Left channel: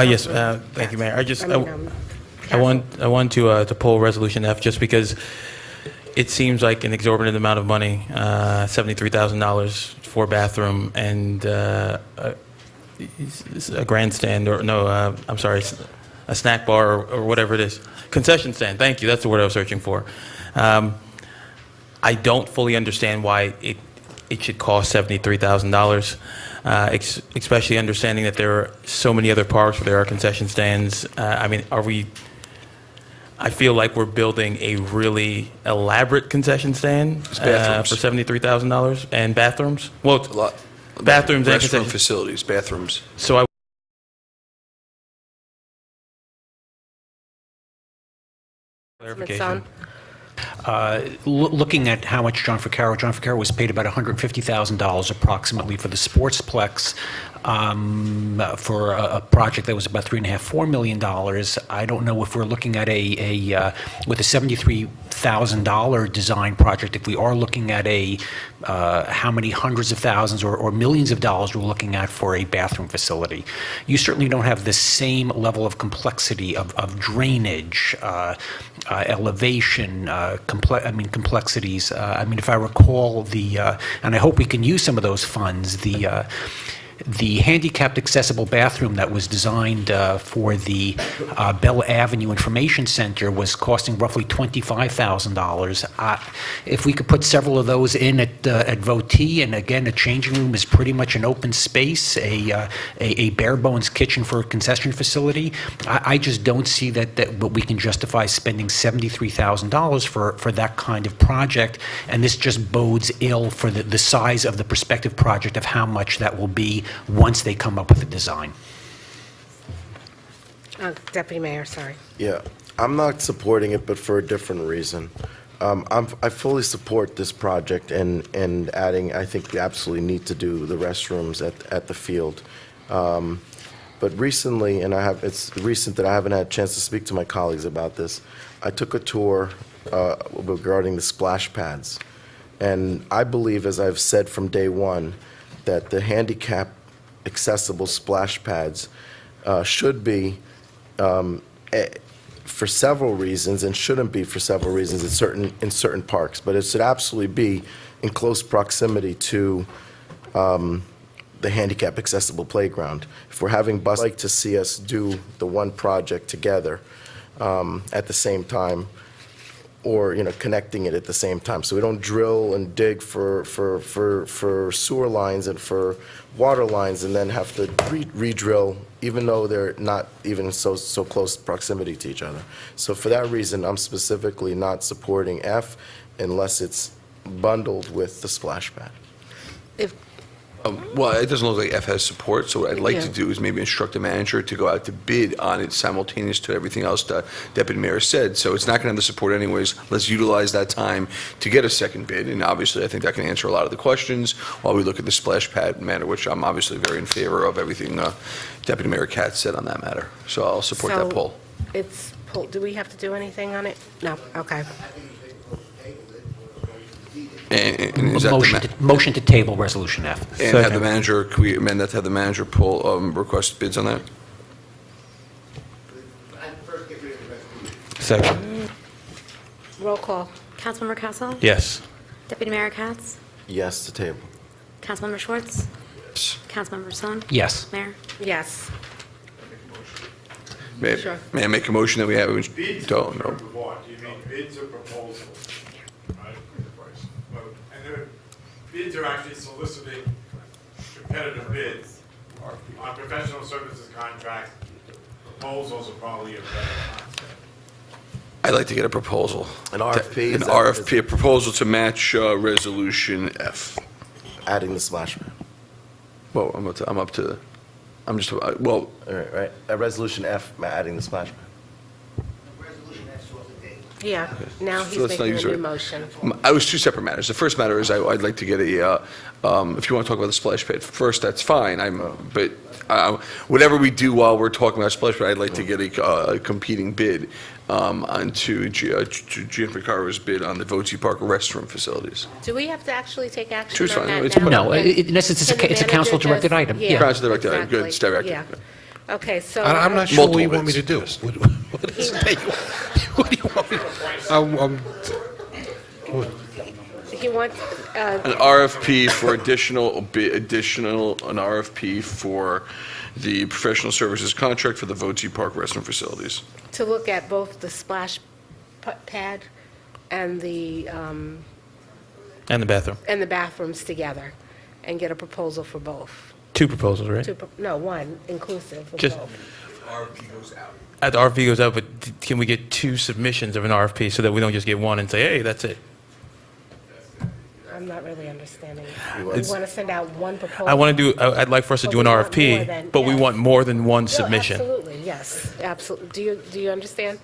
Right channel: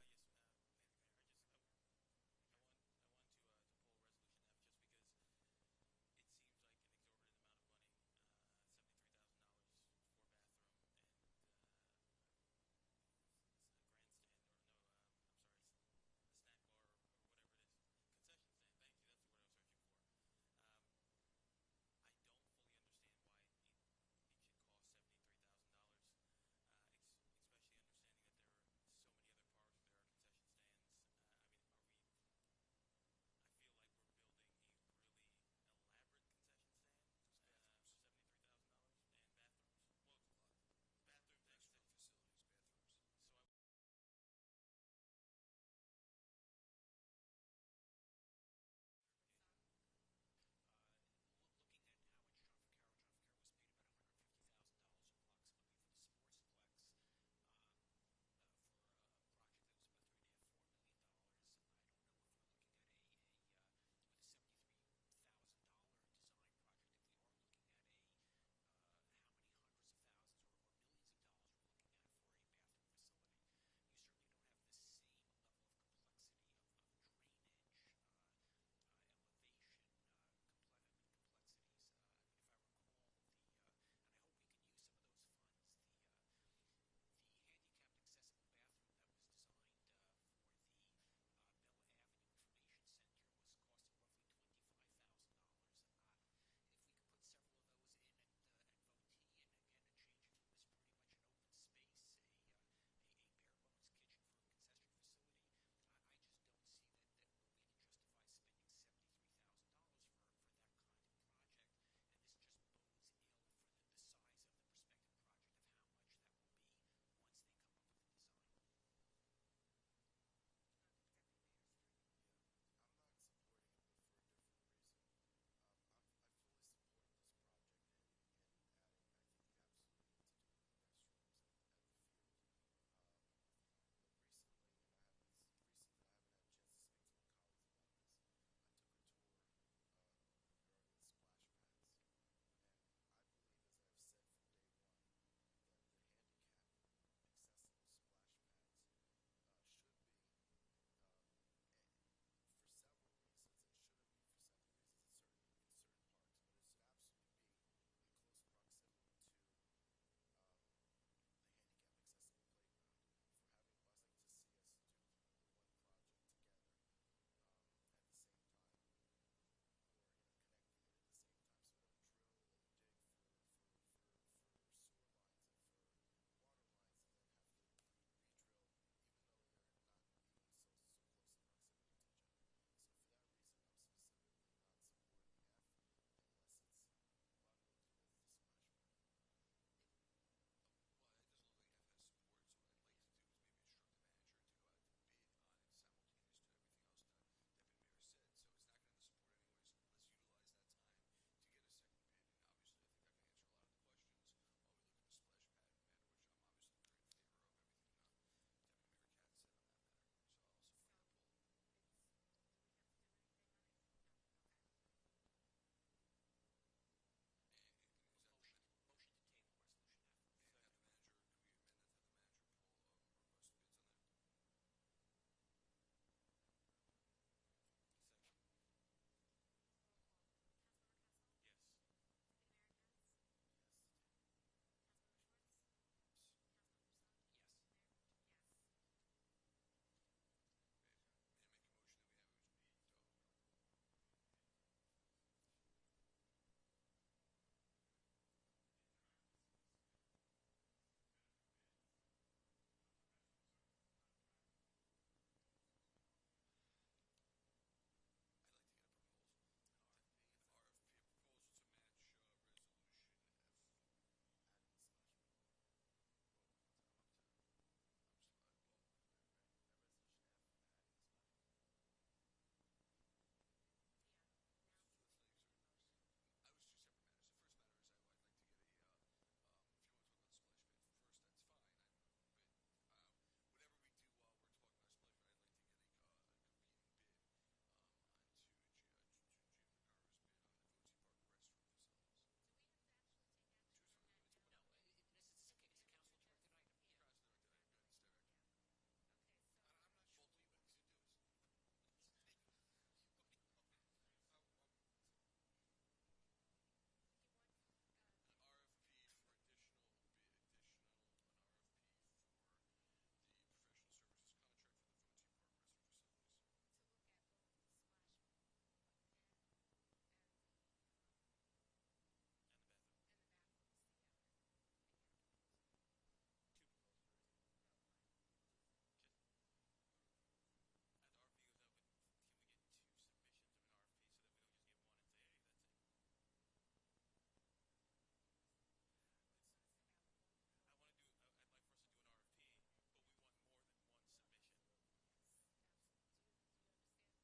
Yes, thank you, Mayor. I want to pull Resolution F just because it seems like an exorbitant amount of money, $73,000 for a bathroom and a grandstand, or no, I'm sorry, a snack bar or whatever it is. Concession stand, thank you, that's the word I was searching for. I don't fully understand why it should cost $73,000. Especially understanding that there are so many other parks where there are concession stands. I mean, I feel like we're building a really elaborate concession stand for $73,000 and bathrooms. Well, A lot. bathrooms and Restroom concession facilities, bathrooms. So clarification. Looking at how much John Ficaro was paid about $150,000 approximately for the Sportsplex for a project that was about $3.5–4 million. I don't know if we're looking at with a $73,000 design project, if we are looking at how many hundreds of thousands or millions of dollars we're looking at for a bathroom facility. You certainly don't have the same level of complexity of drainage, elevation, complexities. If I recall and I hope we can use some of those funds, the handicapped accessible bathroom that was designed for the Bell Avenue Information Center was costing roughly $25,000. If we could put several of those in at Votee, and again, a changing room is pretty much an open space, a bare bones kitchen for a concession facility, I just don't see that we can justify spending $73,000 for that kind of project, and this just bodes ill for the size of the prospective project of how much that will be once they come up with a design. Deputy Mayor, sorry. Yeah, I'm not supporting it, but for a different reason. I fully support this project and adding, I think we absolutely need to do the restrooms at the field. But recently, and it's recent that I haven't had a chance to speak to my colleagues about this, I took a tour regarding the splash pads. And I believe, as I've said from day one, that the handicap accessible splash pads should be for several reasons, and shouldn't be for several reasons in certain parks, but it should absolutely be in close proximity to the handicap accessible playground. If we're having buses, I'd like to see us do the one project together at the same time, or connecting it at the same time, so we don't drill and dig for sewer lines and for water lines and then have to re-drill, even though they're not even so close proximity to each other. So for that reason, I'm specifically not supporting F unless it's bundled with the splash pad. Well, it doesn't look like F has support, so what I'd like to do is maybe instruct the manager to go out to bid on it simultaneous to everything else the Deputy Mayor said. So it's not going to have the support anyways. Let's utilize that time to get a second bid, and obviously I think that can answer a lot of the questions while we look at the splash pad matter, which I'm obviously very in favor of everything Deputy Mayor Katz said on that matter. So I'll support that poll. It's pulled. Do we have to do anything on it? No. Okay. And is that Motion to table Resolution F. And have the manager, can we amend that to have the manager pull, request bids on that? Second. Roll call. Councilmember Castle? Yes. Deputy Mayor Katz? Yes to table. Councilmember Schwartz? Yes. Councilmember Song? Yes. Mayor? Yes. Sure. May I make a motion that we have? Bids Don't, no. of what? Do you mean bids or proposals? Right? And the bids are actually soliciting competitive bids on professional services contracts. Proposals are probably a better concept. I'd like to get a proposal. An RFP? An is that- RFP, a proposal to match Resolution F. Adding the splash pad. Well, I'm just, well, All right. At Resolution F, adding the splash pad. Yeah, now So he's let's not making use a new it. motion. I was two separate matters. The first matter is I'd like to get a, if you want to talk about the splash pad first, that's fine. But whatever we do while we're talking about splash pad, I'd like to get a competing bid onto Gianfranco Caro's bid on the Voci Park restroom facilities. Do we have to actually take action Choose on fine. that It's now? fine. No, Can- in essence, it's can the a manager council-directed just- item. Yeah. Council-directed item. Good. It's directed. Yeah. Okay, so. I'm not sure what Multiple you want me to bids. do. What is it? What do you want me to? He wants, An RFP for an RFP for the professional services contract for the Voci Park restroom facilities. to look at both the splash pad and the And the bathroom. bathrooms together, and get a proposal for both. 2 proposals, right? No, one, inclusive of Just- both. The RFP goes out, but can we get 2 submissions of an RFP so that we don't just get one and say, hey, that's it? I'm not really understanding. You You want- want to send out one proposal? I'd like for us to But do an we want more RFP, than- but we yes. want more than one No, submission. Absolutely, yes, absolutely. Do you understand?